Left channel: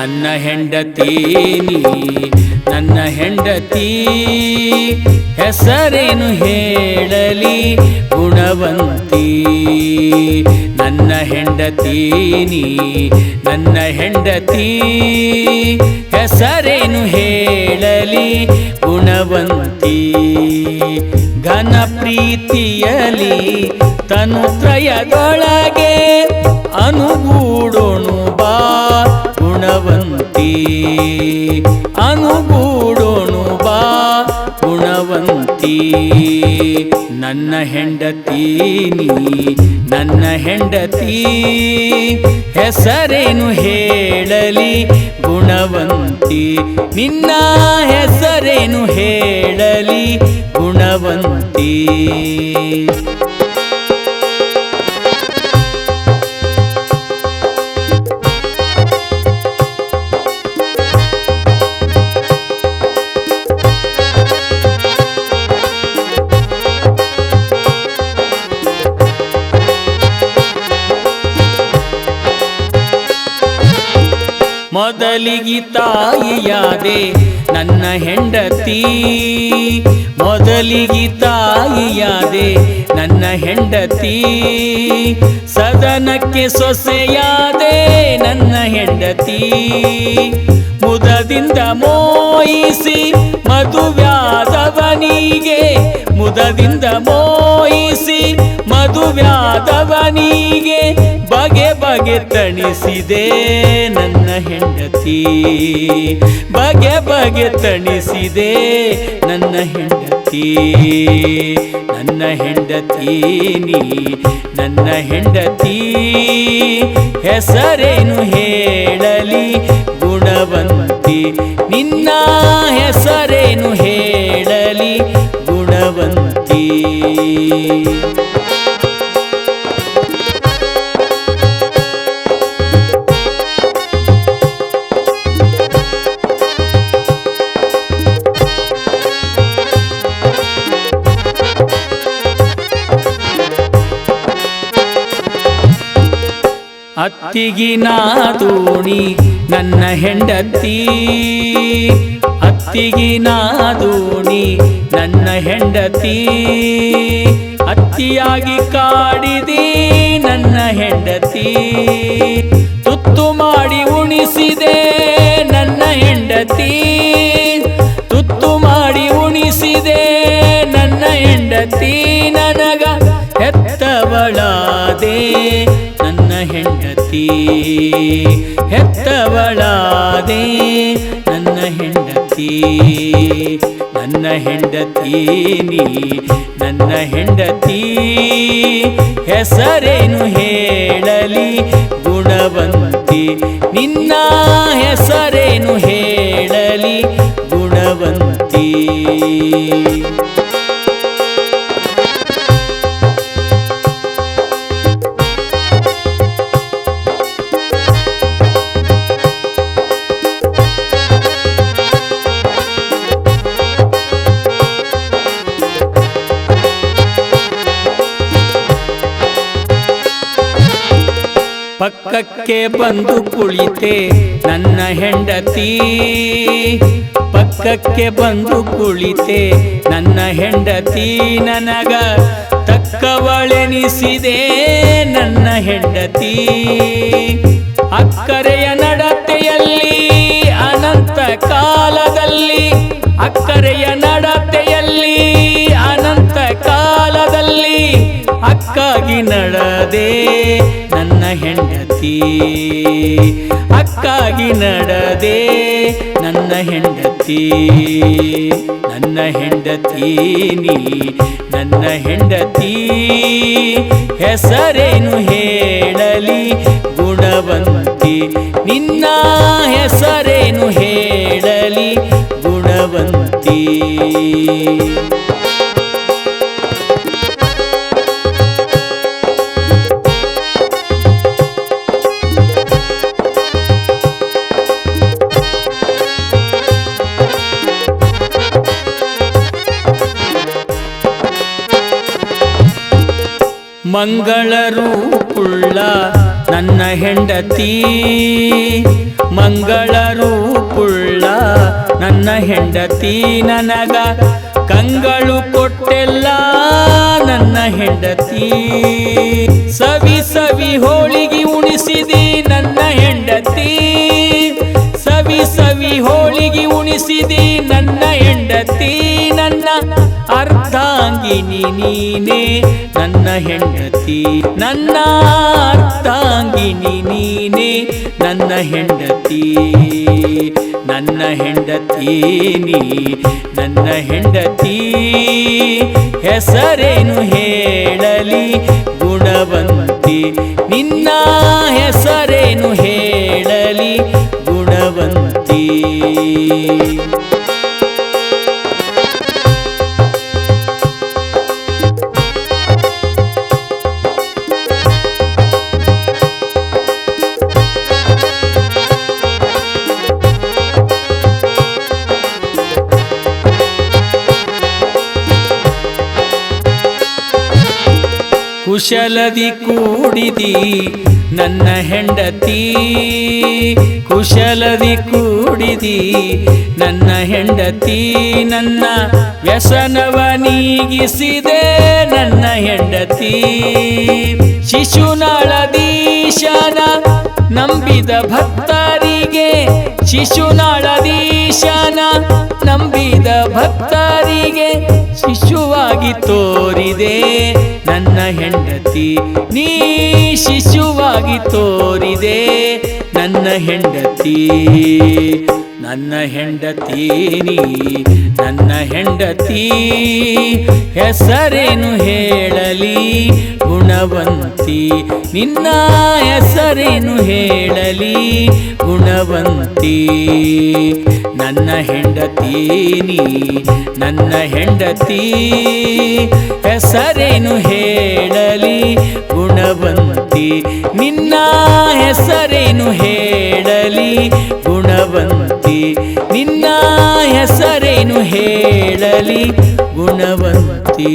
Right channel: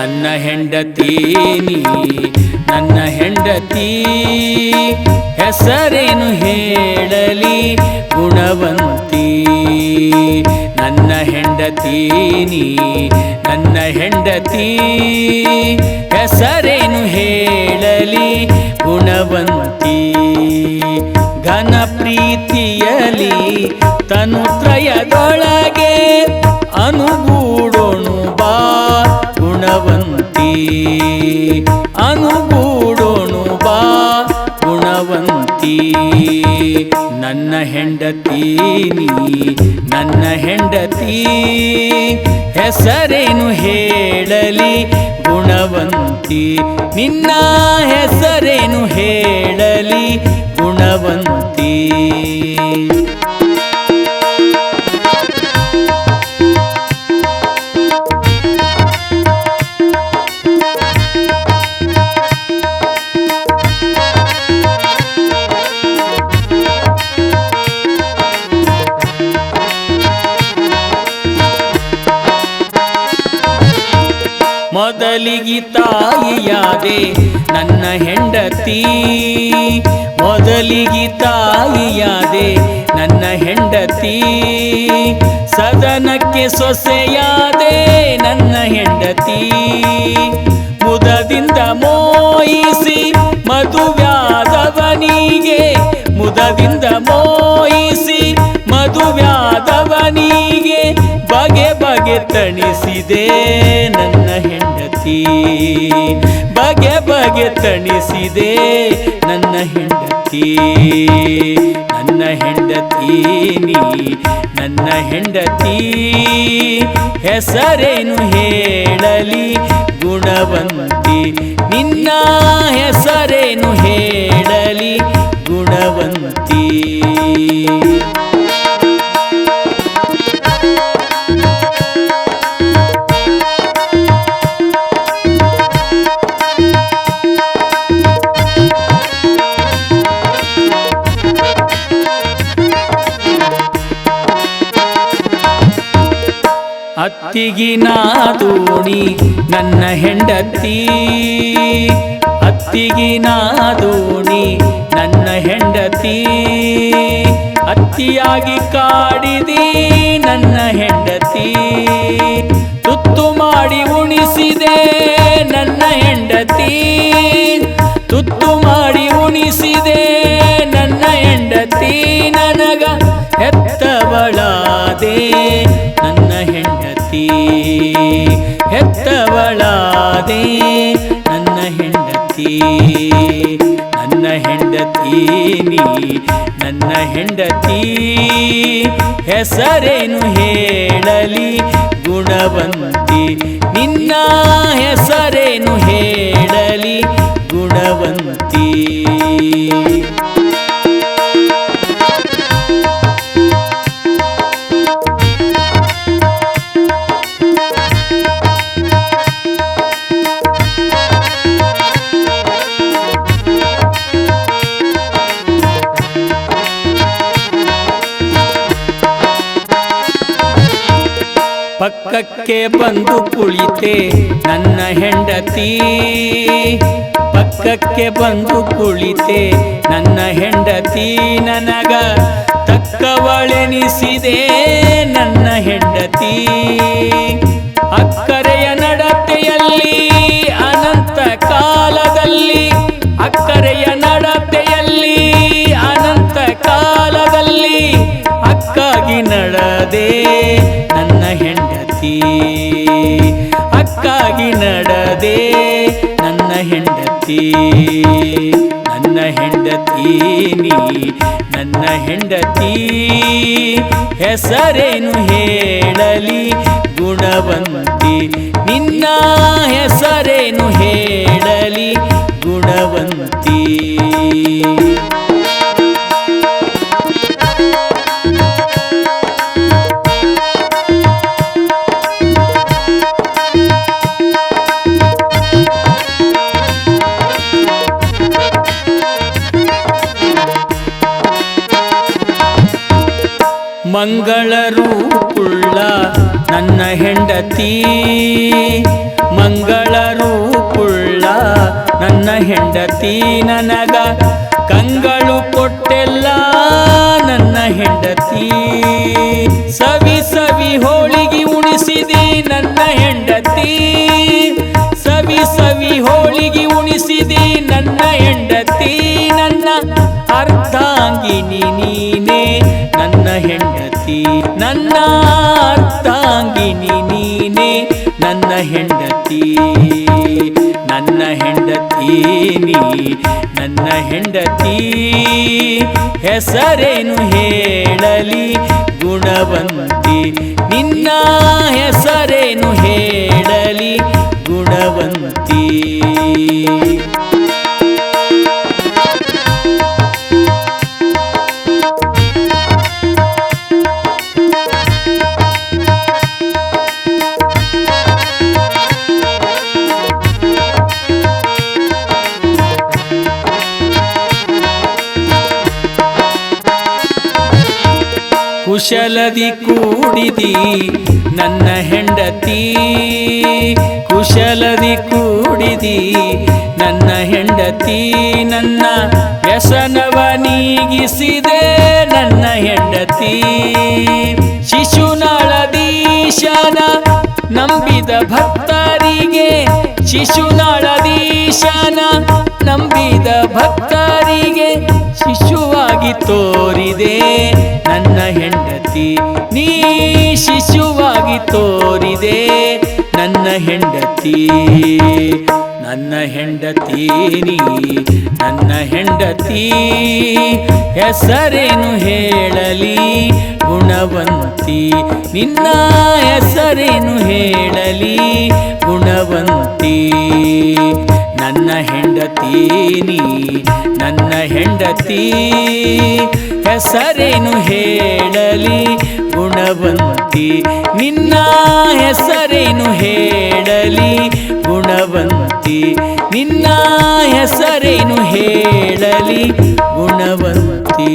ನನ್ನ ಹೆಂಡತಿ ನೀ ನನ್ನ ಹೆಂಡತಿ ಹೆಸರೇನು ಹೇಳಲಿ ಗುಣವಂತಿ ನನ್ನ ಹೆಂಡತಿ ನೀ ನನ್ನ ಹೆಂಡತಿ ಹೆಸರೇನು ಹೇಳಲಿ ಗುಣವಂತಿ ಘನ ಪ್ರೀತಿಯಲಿ ತನುತ್ರಯದೊಳಗೆ ಅನುಗೂಡೋಣು ಬಾ ಗುಣವಂತಿ ಅನುಗೂಡೋಣು ಬಾ ಗುಣವಂತಿ ನನ್ನ ಹೆಂಡತಿ ನೀ ನನ್ನ ಹೆಂಡತಿ ಹೆಸರೇನು ಹೇಳಲಿ ಗುಣವಂತಿ ನಿನ್ನ ಹೆಸರೇನು ಹೇಳಲಿ ಗುಣವಂತಿ ಮೊದಲಿಗೆ ತಾಯಿಯಾದೆ ನನ್ನ ಹೆಂಡತಿ ಮೊದಲಿಗೆ ತಾಯಿಯಾದೆ ನನ್ನ ಹೆಂಡತಿ ಸದನಕ್ಕೆ ಸೊಸೆಯಾದೆ ನನ್ನ ಹೆಂಡತಿ ಮುದದಿಂದ ಮೋಹಿಸಿ ಮದುವ್ಯಾದವನಿಗೆ ಮುದದಿಂದ ಮೋಹಿಸಿ ಮದುವ್ಯಾದವನಿಗೆ ಬಗೆ ಬಗೆ ತಣಿಸಿದೆ ನನ್ನ ಹೆಂಡತಿ ಬಗೆ ಬಗೆ ತಣಿಸಿದೆ ನನ್ನ ಹೆಂಡತಿ ನನ್ನ ಹೆಂಡತಿ ನೀ ನನ್ನ ಹೆಂಡತಿ ಹೆಸರೇನು ಹೇಳಲಿ ಗುಣವಂತಿ ನಿನ್ನ ಹೆಸರೇನು ಹೇಳಲಿ ಗುಣವಂತಿ ಅತ್ತಿಗಿನ ದೋಣಿ ನನ್ನ ಹೆಂಡತಿ ಅತ್ತಿಗಿನ ದೋಣಿ ನನ್ನ ಹೆಂಡತಿ ಅತ್ತಿಯಾಗಿ ಕಾಡಿದಿ ನನ್ನ ಹೆಂಡತಿ ತುತ್ತು ಮಾಡಿ ಉಣಿಸಿದೆ ನನ್ನ ಹೆಂಡತಿ ತುತ್ತು ಮಾಡಿ ಉಣಿಸಿದೆ ನನ್ನ ಹೆಂಡತಿ ನನಗ ಹೆತ್ತವಳಾದೆ ನನ್ನ ಹೆಂಡತಿ ಹೆತ್ತವಳಾದೆ ನನ್ನ ಹೆಂಡತಿ ನನ್ನ ಹೆಂಡತಿ ನೀ ನನ್ನ ಹೆಂಡತಿ ಹೆಸರೇನು ಹೇಳಲಿ ಗುಣವಂತಿ ನಿನ್ನ ಹೆಸರೇನು ಹೇಳಲಿ ಗುಣವಂತಿ ಪಕ್ಕಕ್ಕೆ ಬಂದು ಕುಳಿತೆ ನನ್ನ ಹೆಂಡತಿ ಪಕ್ಕಕ್ಕೆ ಬಂದು ಕುಳಿತೆ ನನ್ನ ಹೆಂಡತಿ ನನಗ ತಕ್ಕವಳೆನಿಸಿದೆ ನನ್ನ ಹೆಂಡತಿ ಅಕ್ಕರೆಯ ನಡತೆಯಲ್ಲಿ ಅನಂತ ಕಾಲದಲ್ಲಿ ಅಕ್ಕರೆಯ ನಡತೆಯಲ್ಲಿ ಅನಂತ ಕಾಲದಲ್ಲಿ ಅಕ್ಕಾಗಿ ನಡೆದೆ ನನ್ನ ಹೆಂಡತಿ ಅಕ್ಕಾಗಿ ನಡೆದೆ ನನ್ನ ಹೆಂಡತಿ ನನ್ನ ಹೆಂಡತಿ ನೀ ನನ್ನ ಹೆಂಡತಿ ಹೆಸರೇನು ಹೇಳಲಿ ಗುಣವಂತಿ ನಿನ್ನ ಹೆಸರೇನು ಹೇಳಲಿ ಗುಣವಂತಿ ಮಂಗಳ ರೂಪುಳ್ಳ ನನ್ನ ಹೆಂಡತಿ ಮಂಗಳ ರೂಪುಳ್ಳ ನನ್ನ ಹೆಂಡತಿ ನನಗ ಕಂಗಳು ಕೊಟ್ಟೆಲ್ಲ ನನ್ನ ಹೆಂಡತಿ. ಸವಿ ಸವಿ ಹೋಳಿಗೆ ಉಣಿಸಿದಿ ನನ್ನ ಹೆಂಡತಿ, ಸವಿ ಸವಿ ಹೋಳಿಗೆ ಉಣಿಸಿದಿ ನನ್ನ ಹೆಂಡತಿ. ನನ್ನ ಅರ್ಧಾಂಗಿನಿ ನೀನೇ ನನ್ನ ಹೆಂಡತಿ, ನನ್ನ ಅರ್ಧಾಂಗಿನಿ ನೀನೇ ನನ್ನ ಹೆಂಡತಿ. ನನ್ನ ಹೆಂಡತಿ ನೀ ನನ್ನ ಹೆಂಡತಿ, ಹೆಸರೇನು ಹೇಳಲಿ ಗುಣವಂತಿ. ನಿನ್ನ ಹೆಸರೇನು ಹೇಳಲಿ ಗುಣವಂತಿ. ಕುಶಲದಿ ಕೂಡಿದಿ ನನ್ನ ಹೆಂಡತಿ, ಕುಶಲದಿ ಕೂಡಿದಿ ನನ್ನ ಹೆಂಡತಿ. ನನ್ನ ವ್ಯಸನವ ನೀಗಿಸಿದೆ ನನ್ನ ಹೆಂಡತಿ. ಶಿಶುನಾಳದೀಶನ ನಂಬಿದ ಭಕ್ತರಿಗೆ, ಶಿಶುನಾಳದೀಶನ ನಂಬಿದ ಭಕ್ತರಿಗೆ ಶಿಶುವಾಗಿ ತೋರಿದೆ ನನ್ನ ಹೆಂಡತಿ. ನೀ ಶಿಶುವಾಗಿ ತೋರಿದೆ ನನ್ನ ಹೆಂಡತಿ. ನನ್ನ ಹೆಂಡತಿ ನೀ ನನ್ನ ಹೆಂಡತಿ, ಹೆಸರೇನು ಹೇಳಲಿ ಗುಣವಂತಿ. ನಿನ್ನ ಹೆಸರೇನು ಹೇಳಲಿ ಗುಣವಂತಿ. ನನ್ನ ಹೆಂಡತಿ ನೀ ನನ್ನ ಹೆಂಡತಿ, ಹೆಸರೇನು ಹೇಳಲಿ ಗುಣವಂತಿ. ನಿನ್ನ ಹೆಸರೇನು ಹೇಳಲಿ ಗುಣವಂತಿ. ನಿನ್ನ ಹೆಸರೇನು ಹೇಳಲಿ ಗುಣವಂತಿ.